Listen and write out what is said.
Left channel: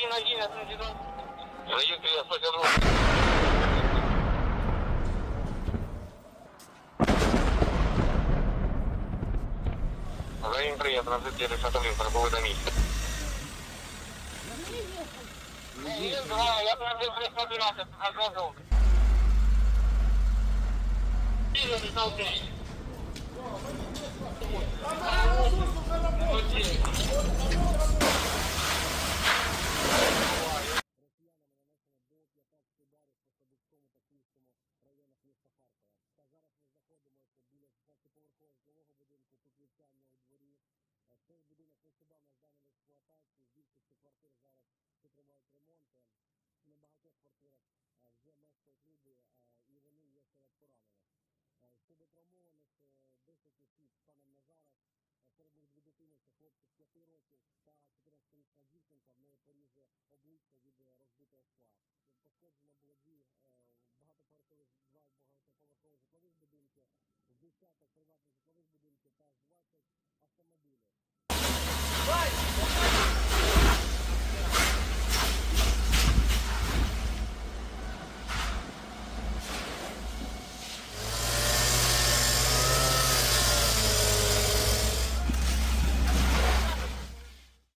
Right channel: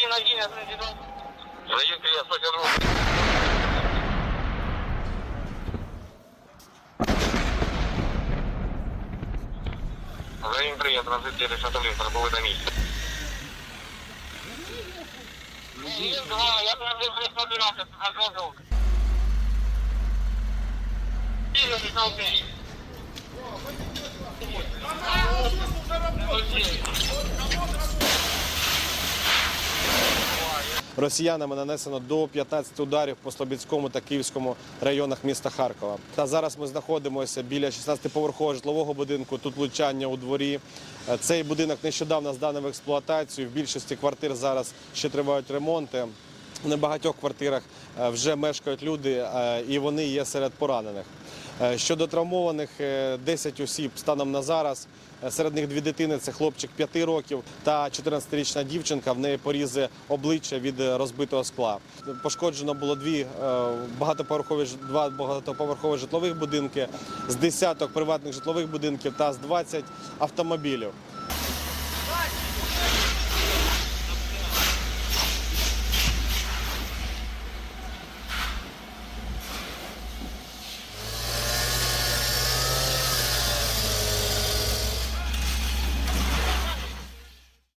один, один, один, один. Заехали, я сокернул. Взаим приятно, разыскивали шатолистр, был это месте. Есть два, я прям здесь собирался, оказывал. И я решил ты. Росіянами нанесено до 15 ударів по Слобідському та Київському районах міста Харкова. Та зараз ми знаходимося біля 16-поверхового житлового будинку. Тут влучання у дворі. Е, Цей будинок нещодавно зданий в експлуатацію. В більшості квартир зараз ще тривають ремонти. В небагатьох квартирах е, вже мешкають люди, е, і вони є серед поранених. Е, Щодо травмованих, е, 10 осіб станом на зараз. Серед них дві дитини це хлопчик 5 років та 14-річна дівчинка. В неї порізи обличчя від розбитого скла. Пошкоджено було дві багатоповерхові два багатоповерхові житлових будинки, з десяток приватних житлових будинків та з 20 автомобілів.